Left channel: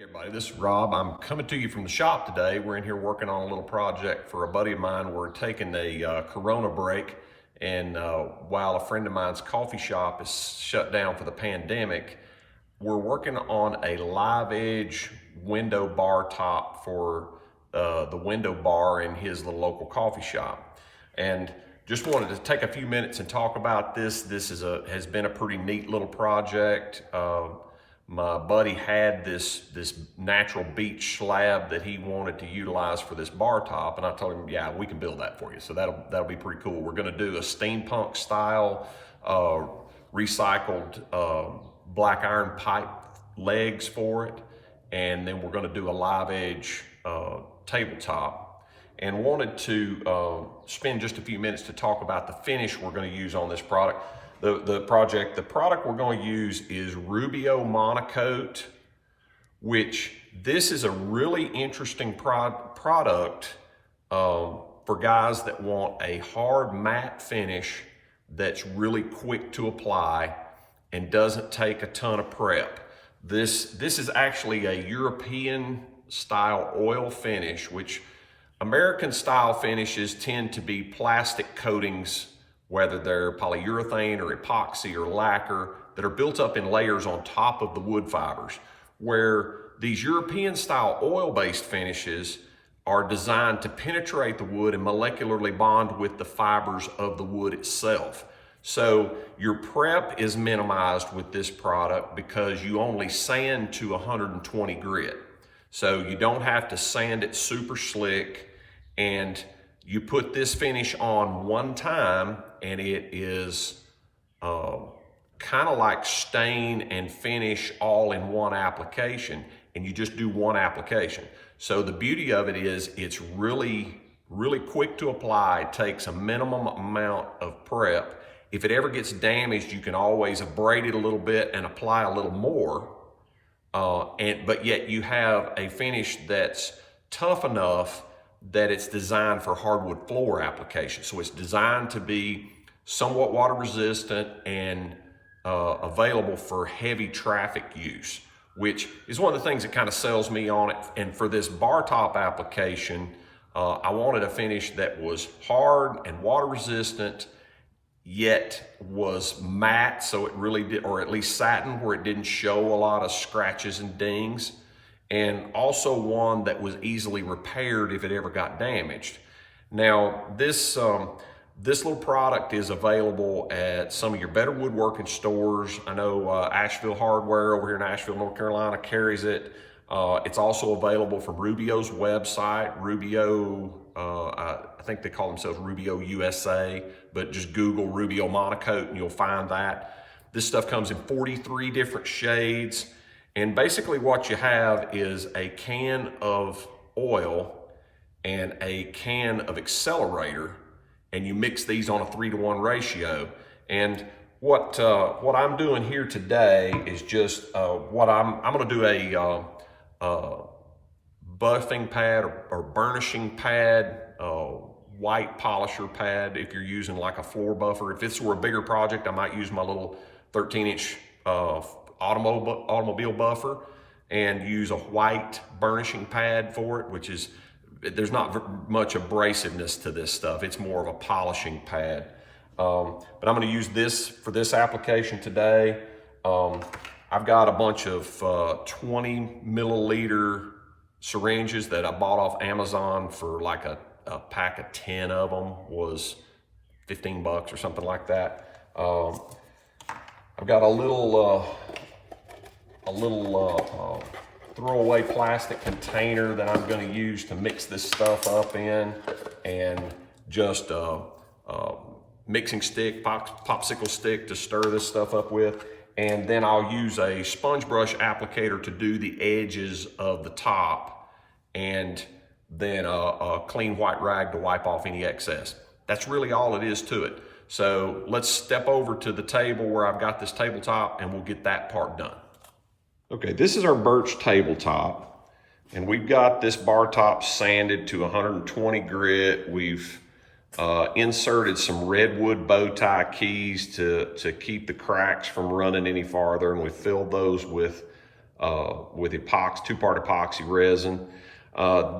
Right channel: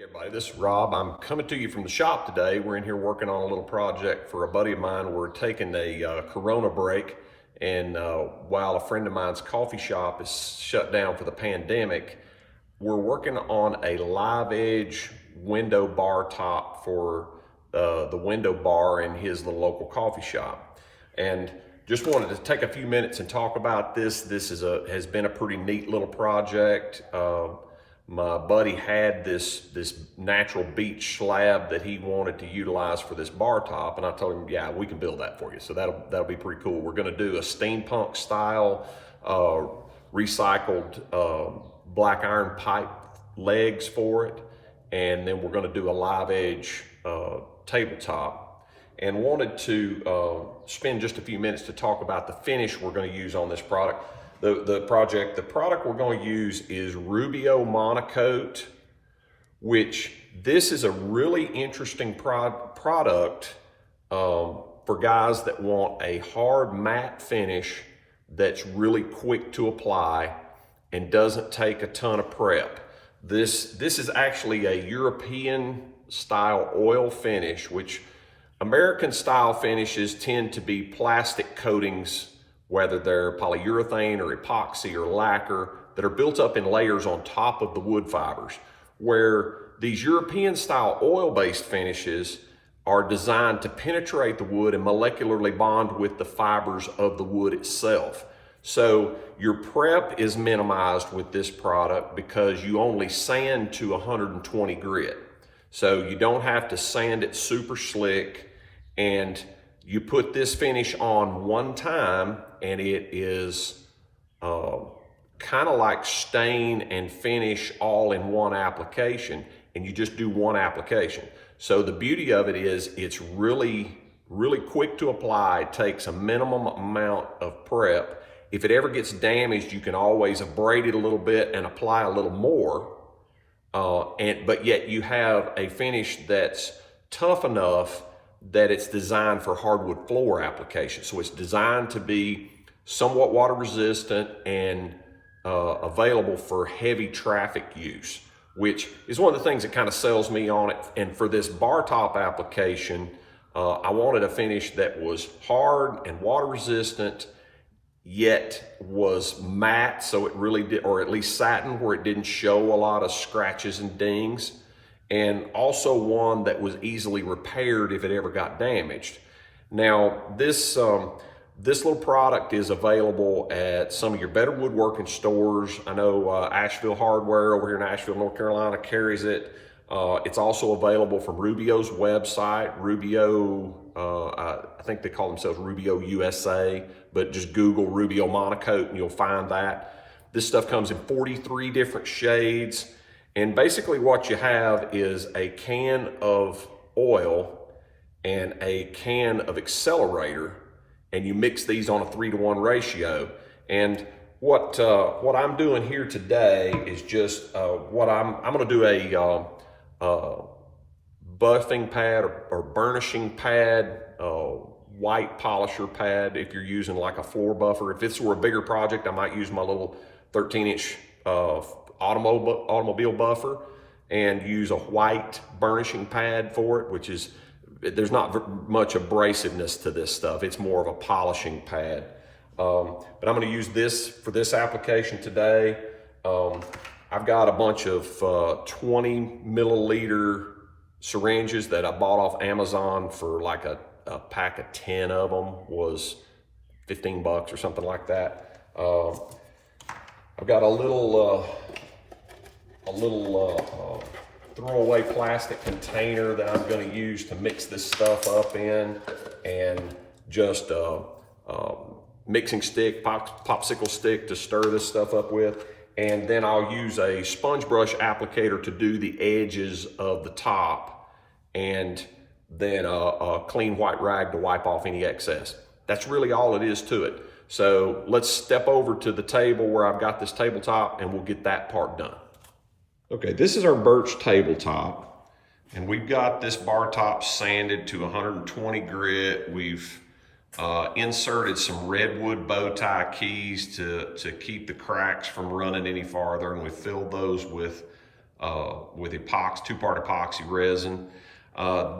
Hey everybody, this is Rob. I'm coming to you from the shop today. We're in here working on a little project for a buddy of mine. We're taking a Corona break, and while a friend of mine's coffee shop is shut down for the pandemic, we're working on a live edge window bar top for the window bar in his little local coffee shop. And just wanted to take a few minutes and talk about this. This has been a pretty neat little project. My buddy had this natural beach slab that he wanted to utilize for this bar top, and I told him, yeah, we can build that for you. So that'll be pretty cool. We're going to do a steampunk style recycled black iron pipe legs for it, and then we're going to do a live edge tabletop. And wanted to spend just a few minutes to talk about the finish we're going to use on this product. The product we're going to use is Rubio Monocoat, which this is a really interesting product for guys that want a hard matte finish that's really quick to apply and doesn't take a ton of prep. This is actually a European style oil finish, which American style finishes tend to be plastic coatings, whether they're polyurethane or epoxy or lacquer, that are built up in layers on top of the wood fibers, where these European style oil-based finishes are designed to penetrate the wood and molecularly bond with the fibers of the wood itself. So your prep is minimized with this product because you only sand to 120 grit. So you don't have to sand it super slick, and you put this finish on one time and it is kind of like stain and finish all in one application, and you just do one application. So the beauty of it is it's really quick to apply. It takes a minimum amount of prep. If it ever gets damaged, you can always abrade it a little bit and apply a little more, but yet you have a finish that's tough enough that it's designed for hardwood floor application. So it's designed to be somewhat water resistant and available for heavy traffic use, which is one of the things that kind of sells me on it. And for this bar top application, I wanted a finish that was hard and water resistant, yet was matte, so it really did, or at least satin, where it didn't show a lot of scratches and dings, and also one that was easily repaired if it ever got damaged. Now, this little product is available at some of your better woodworking stores. I know Asheville Hardware over here in Asheville, North Carolina carries it. It's also available from Rubio's website, Rubio, I think they call themselves rubio-usa, but just Google Rubio Monocoat and you'll find that. This stuff comes in 43 different shades. And basically what you have is a can of oil and a can of accelerator, and you mix these on a 3-to-1 ratio. And what I'm doing here today is just I'm going to do a buffing pad or burnishing pad, white polisher pad if you're using like a floor buffer. If this were a bigger project, I might use my little 13-inch automobile buffer and use a white burnishing pad for it, which is, there's not much abrasiveness to this stuff. It's more of a polishing pad. But I'm going to use this for this application today. I've got a bunch of 20 milliliter syringes that I bought off Amazon for like a pack of 10 of them was 15 bucks or something like that. I've got a little throwaway plastic container that I'm going to use to mix this stuff up in, and just mixing stick, popsicle stick to stir this stuff up with. And then I'll use a sponge brush applicator to do the edges of the top, and then a clean white rag to wipe off any excess. That's really all it is to it. So let's step over to the table where I've got this tabletop and we'll get that part done. Okay, this is our birch tabletop, and we've got this bar top sanded to 120 grit. We've inserted some redwood bow tie keys to keep the cracks from running any farther, and we filled those with with epoxy, two-part epoxy resin.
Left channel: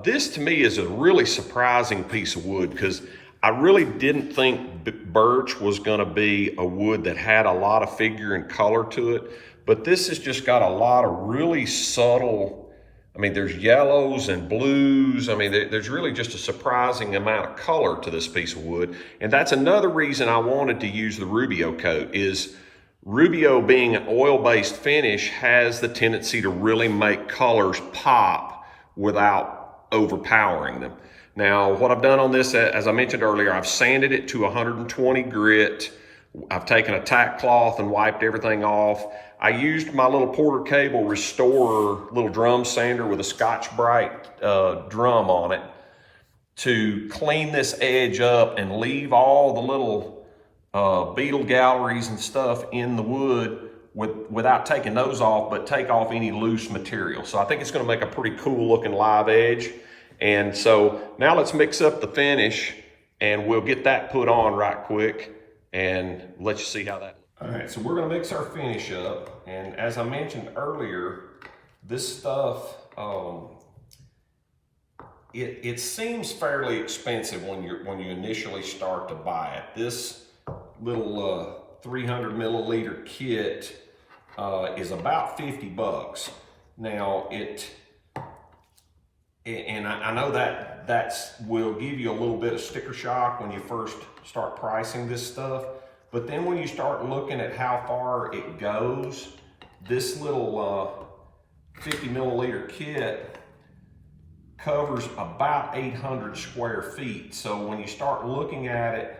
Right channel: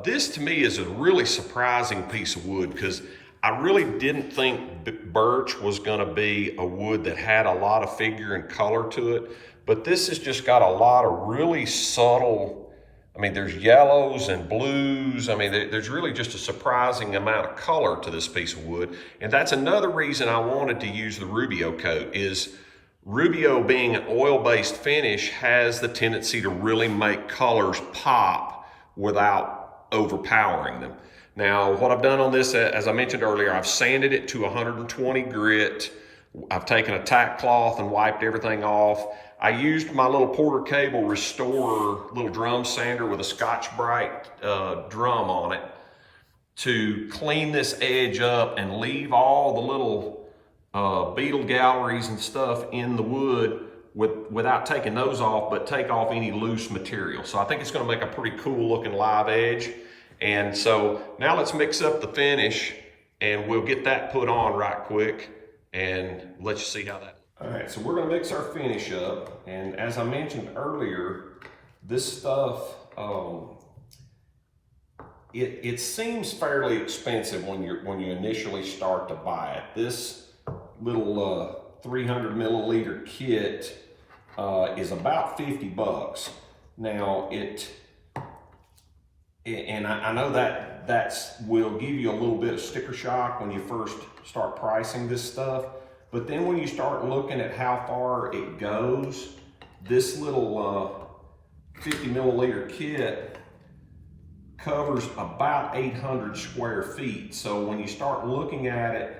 This to me is a really surprising piece of wood because I really didn't think birch was gonna be a wood that had a lot of figure and color to it, but this has just got a lot of really subtle, I mean, there's yellows and blues. I mean, there's really just a surprising amount of color to this piece of wood. And that's another reason I wanted to use the Rubio coat is Rubio, being an oil-based finish, has the tendency to really make colors pop without overpowering them. Now, what I've done on this, as I mentioned earlier, I've sanded it to 120 grit. I've taken a tack cloth and wiped everything off. I used my little Porter Cable Restorer little drum sander with a Scotch-Brite drum on it to clean this edge up and leave all the little beetle galleries and stuff in the wood without taking those off, but take off any loose material. So I think it's gonna make a pretty cool looking live edge. And so now let's mix up the finish and we'll get that put on right quick and let you see how that. All right, so we're gonna mix our finish up. And as I mentioned earlier, this stuff, it seems fairly expensive when you initially start to buy it. This little 300 milliliter kit is about 50 bucks. Now I know that will give you a little bit of sticker shock when you first start pricing this stuff, but then when you start looking at how far it goes, this little 50 milliliter kit covers about 800 square feet. So when you start looking at it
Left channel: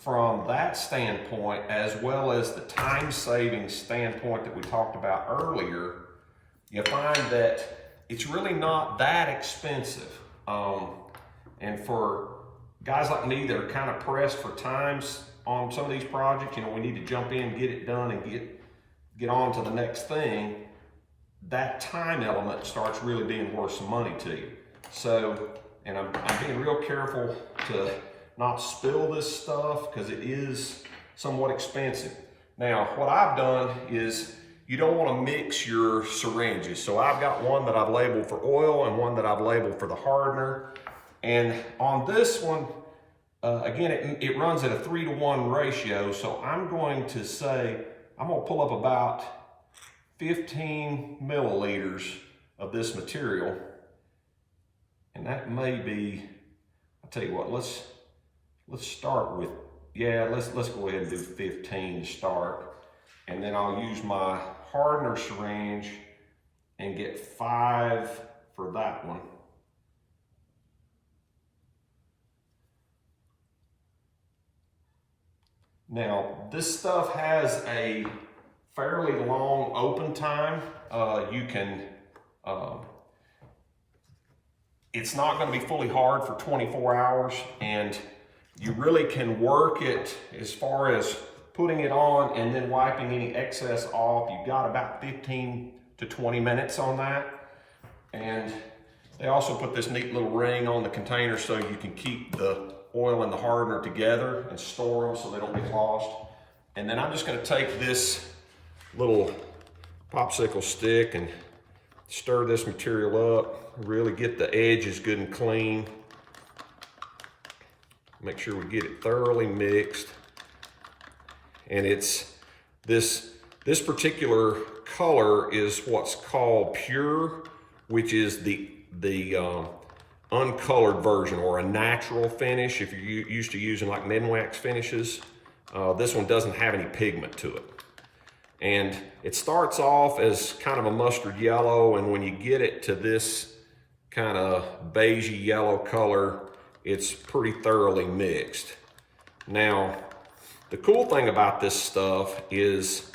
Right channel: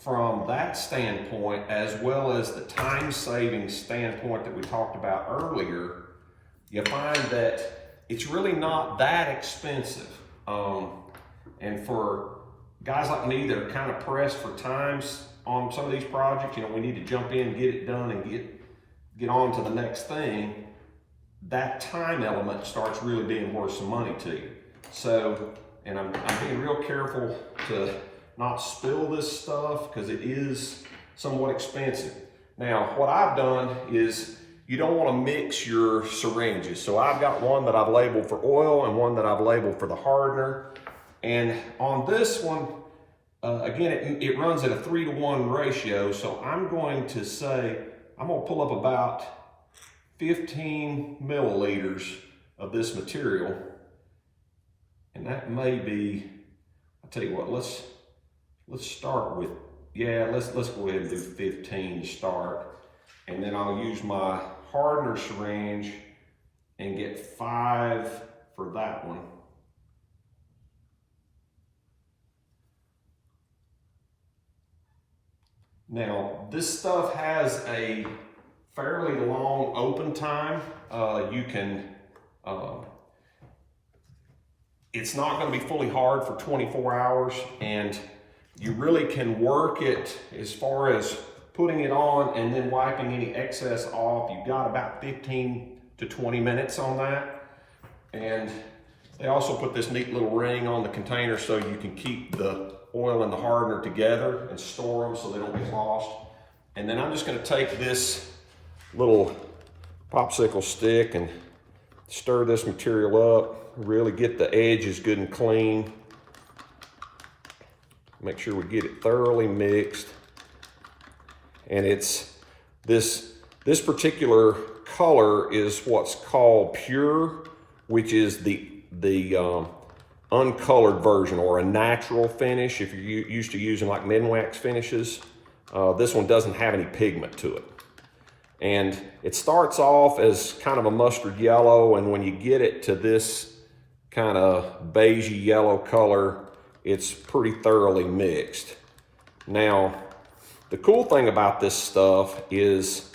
from that standpoint, as well as the time-saving standpoint that we talked about earlier, you find that it's really not that expensive. And for guys like me that are kind of pressed for times on some of these projects, you know, we need to jump in, get it done, and get on to the next thing. That time element starts really being worth some money to you. So, and I'm being real careful to not spill this stuff because it is somewhat expensive. Now, what I've done is you don't want to mix your syringes. So I've got one that I've labeled for oil and one that I've labeled for the hardener. And on this one, again, it runs at a 3-to-1 ratio. So I'm going to say, I'm going to pull up about 15 milliliters of this material. And that may be, I'll tell you what, let's start with, yeah, let's go ahead and do 15 to start. And then I'll use my hardener syringe and get 5 for that one. Now, this stuff has a fairly long open time. It's not going to be fully hard for 24 hours, and you really can work it as far as putting it on and then wiping any excess off. You've got about 15 to 20 minutes on that. And they also put this neat little ring on the container so you can keep the oil and the hardener together and store them so they don't get lost. And then I'm just going to take this little popsicle stick and stir this material up, really get the edges good and clean. Make sure we get it thoroughly mixed. And it's this particular color is what's called pure, which is the uncolored version or a natural finish. If you're used to using like Minwax finishes, this one doesn't have any pigment to it. And it starts off as kind of a mustard yellow, and when you get it to this kind of beigey yellow color, it's pretty thoroughly mixed. Now, the cool thing about this stuff is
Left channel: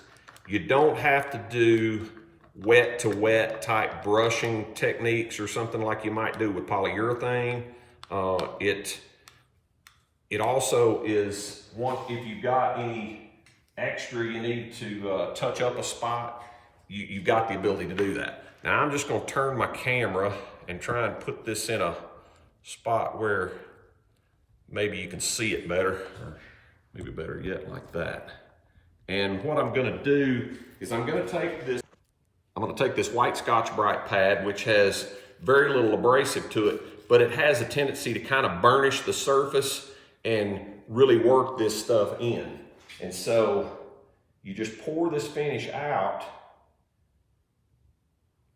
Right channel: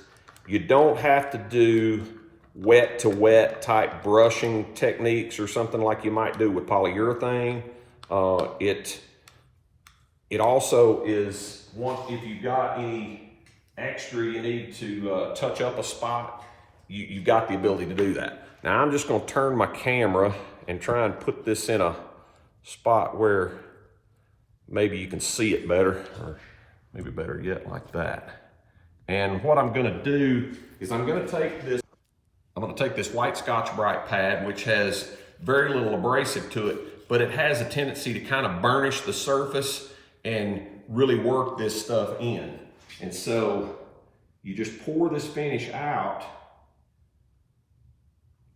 you don't have to do wet to wet type brushing techniques or something like you might do with polyurethane. It also is, if you've got any extra you need to touch up a spot, you've got the ability to do that. Now I'm just going to turn my camera and try and put this in a spot where maybe you can see it better, or maybe better yet like that. And what I'm going to do is I'm going to take this I'm going to take this white Scotch-Brite pad, which has very little abrasive to it, but it has a tendency to kind of burnish the surface and really work this stuff in. And so you just pour this finish out,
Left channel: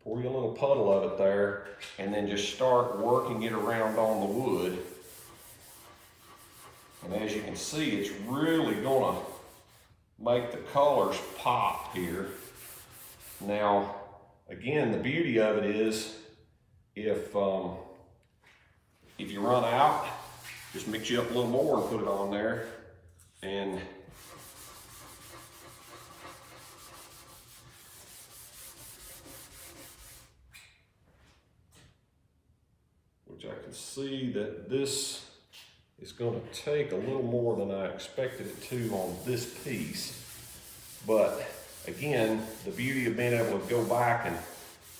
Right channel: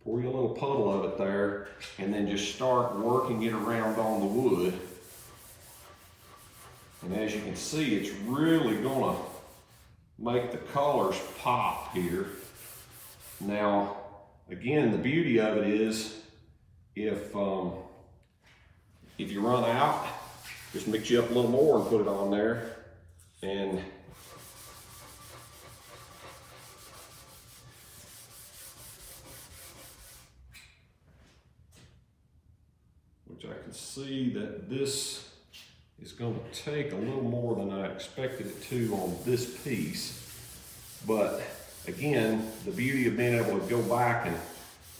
pour you a little puddle of it there, and then just start working it around on the wood. And as you can see, it's really gonna make the colors pop here. Now, again, the beauty of it is if you run out, just mix you up a little more and put it on there. And which I can see that this is going to take a little more than I expected it to on this piece. But again, the beauty of being able to go back and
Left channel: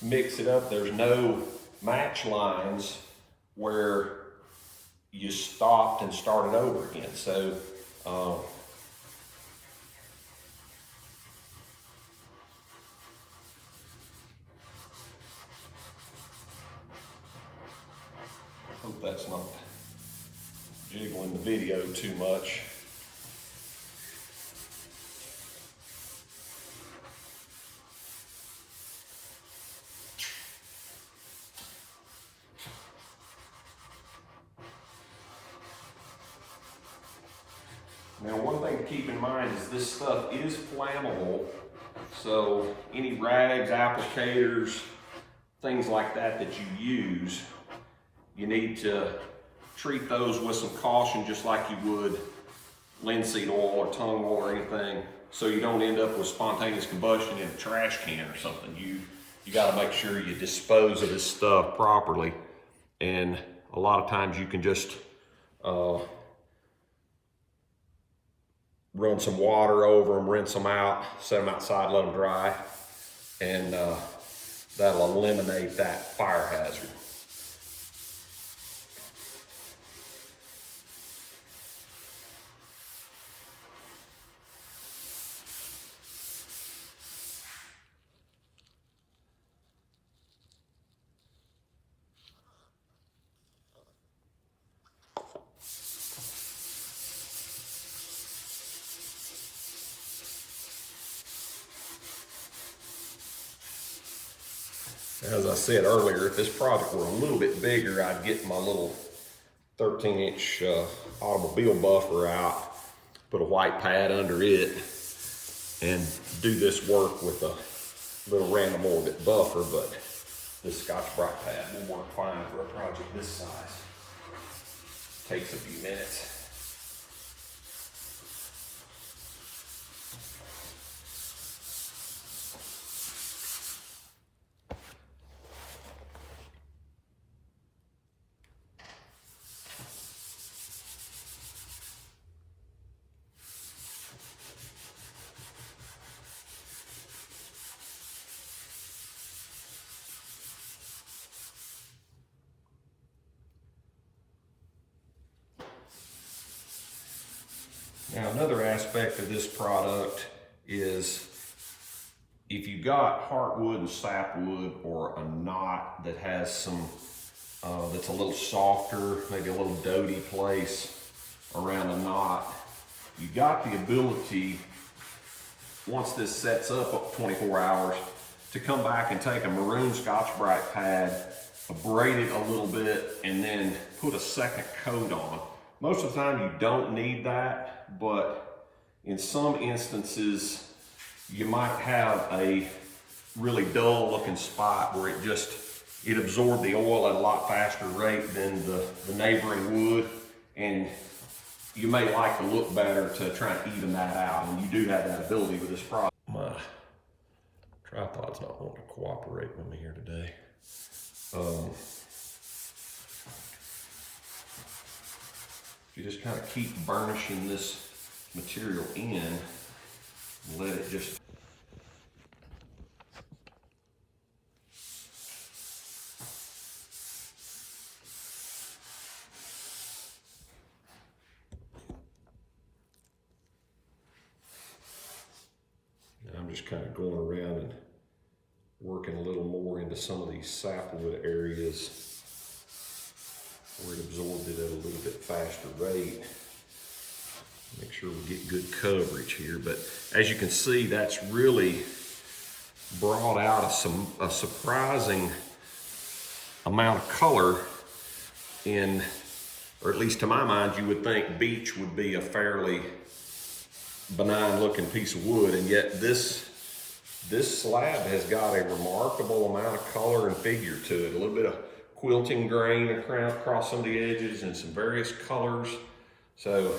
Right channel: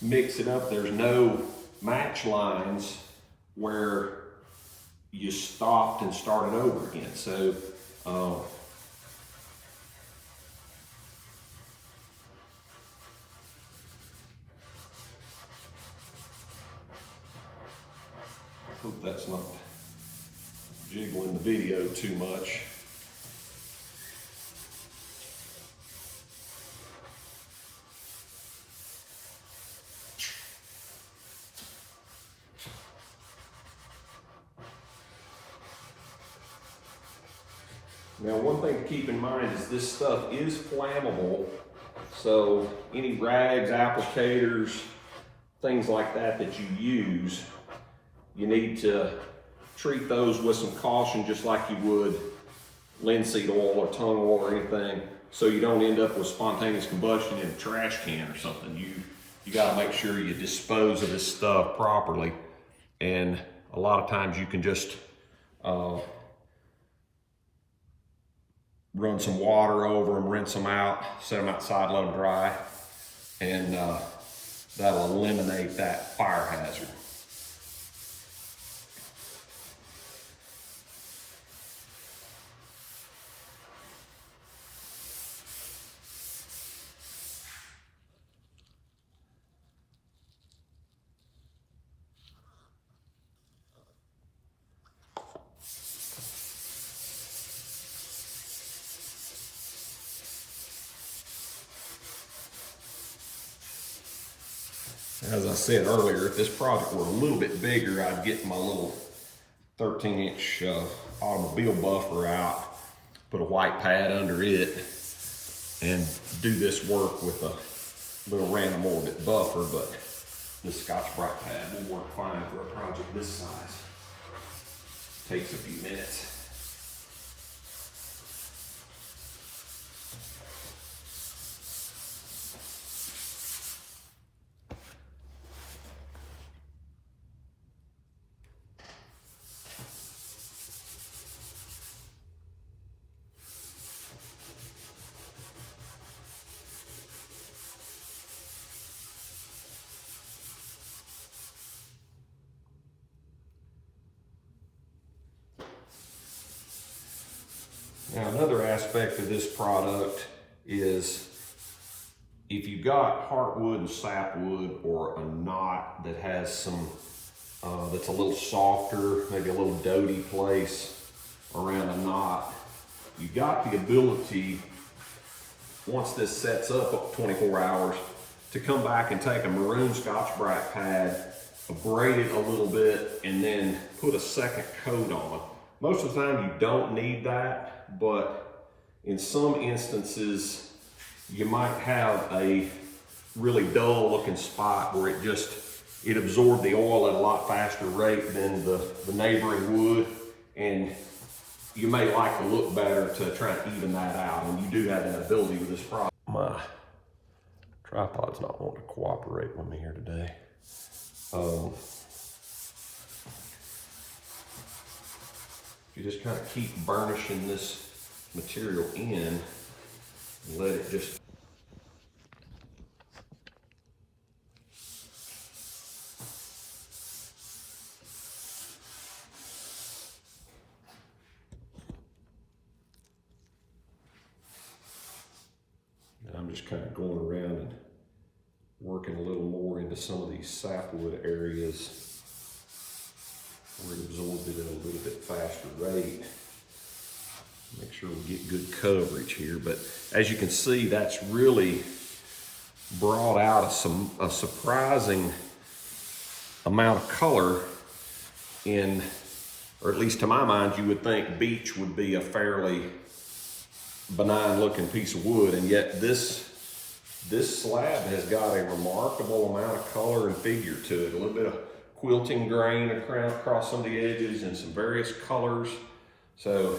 mix it up, there's no match lines where you stopped and started over again. So I hope that's not jiggling the video too much. Now, one thing to keep in mind is this stuff is flammable, so any rags, applicators, things like that that you use, you need to treat those with some caution, just like you would linseed oil or tung oil or anything, so you don't end up with spontaneous combustion in a trash can or something. You got to make sure you dispose of this stuff properly, and a lot of times you can just run some water over them, rinse them out, set them outside, let them dry, and that'll eliminate that fire hazard. As I said earlier, if this project were a little bit bigger, I'd get my little 13-inch automobile buffer out, put a white pad under it, and do this work with a little random orbit buffer, but this Scotch-Brite pad will work fine for a project this size. Takes a few minutes. Now, another aspect of this product is if you've got heartwood and sapwood, or a knot that has some, that's a little softer, maybe a little doty place around a knot, you've got the ability, once this sets up 24 hours, to come back and take a maroon Scotch-Brite pad, abrade it a little bit, and then put a second coat on. Most of the time you don't need that, but in some instances you might have a really dull looking spot where it absorbed the oil at a lot faster rate than the neighboring wood, and you may like to look better to try and even that out, and you do have that ability with this product. My tripod's not wanting to cooperate with me here today. You just kind of keep burnishing this material in and let it just and I'm just kind of going around and working a little more into some of these sapwood areas where it absorbed it at a little bit faster rate. Make sure we get good coverage here. But as you can see, that's really brought out a surprising amount of color in, or at least to my mind, you would think beech would be a fairly benign looking piece of wood, and yet this slab has got a remarkable amount of color and figure to it. A little bit of quilting grain across some of the edges and some various colors. So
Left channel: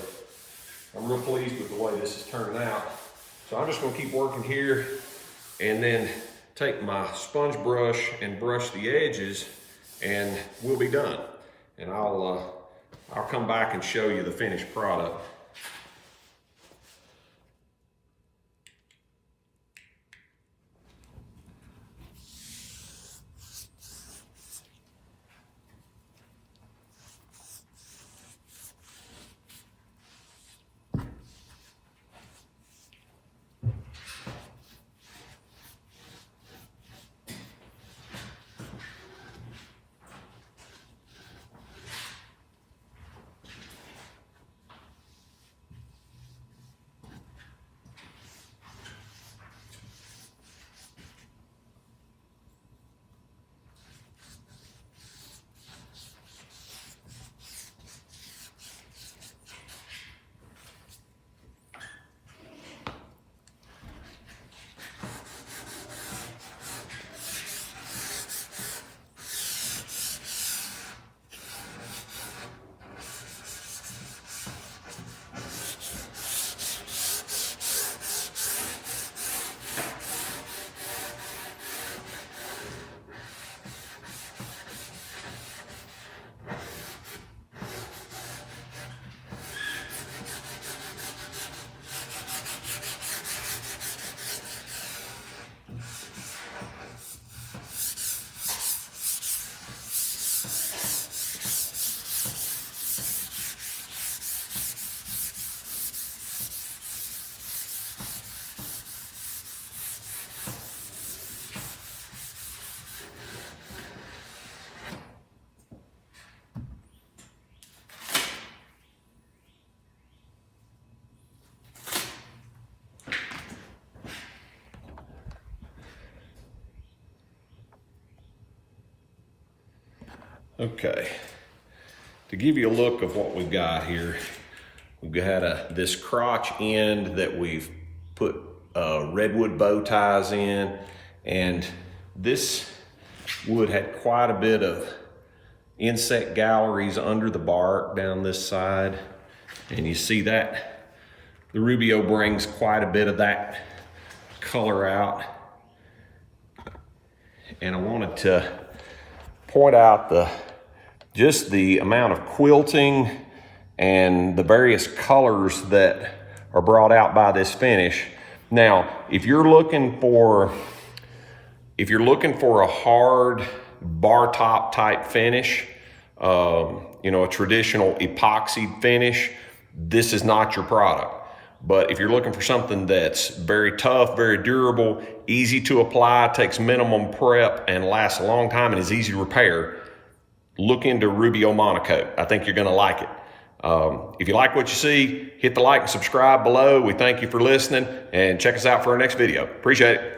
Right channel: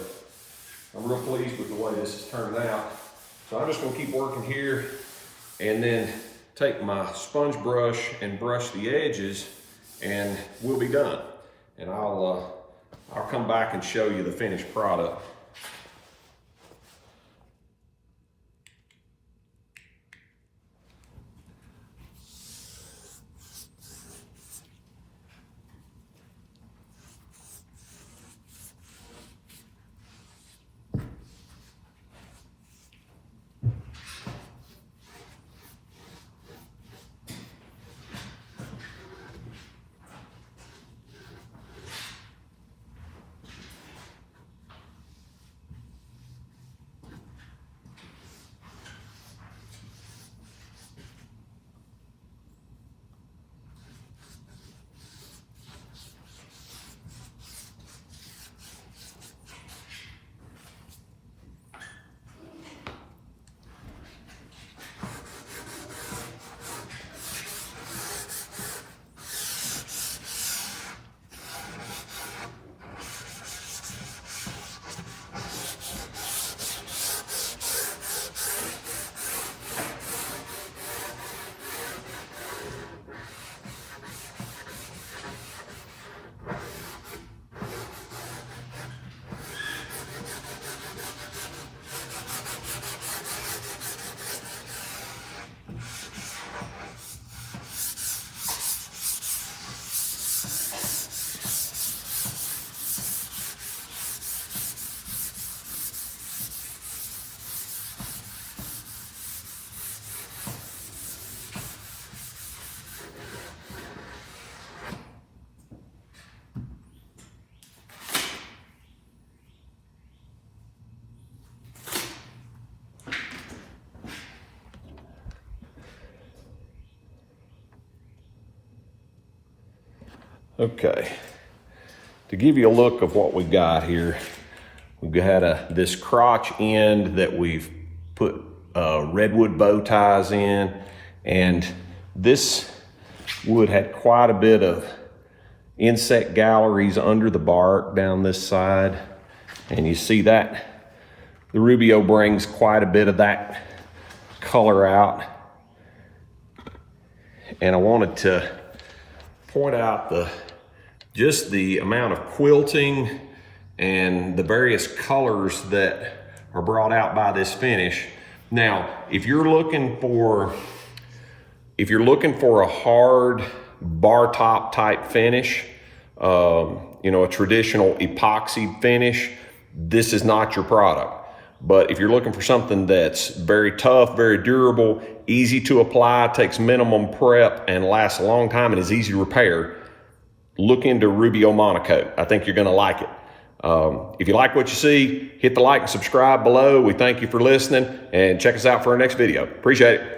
I'm real pleased with the way this is turning out. So I'm just gonna keep working here and then take my sponge brush and brush the edges, and we'll be done. And I'll come back and show you the finished product. Okay, to give you a look of what we got here, we've got this crotch end that we've put redwood bow ties in, and this wood had quite a bit of insect galleries under the bark down this side, and you see that the Rubio brings quite a bit of that color out. And I wanted to point out just the amount of quilting and the various colors that are brought out by this finish. Now, if you're looking for a hard bar top type finish, you know, a traditional epoxy finish, this is not your product. But if you're looking for something that's very tough, very durable, easy to apply, takes minimum prep, and lasts a long time and is easy to repair, look into Rubio Monocoat. I think you're gonna like it. If you like what you see, hit the like and subscribe below. We thank you for listening, and check us out for our next video. Appreciate it.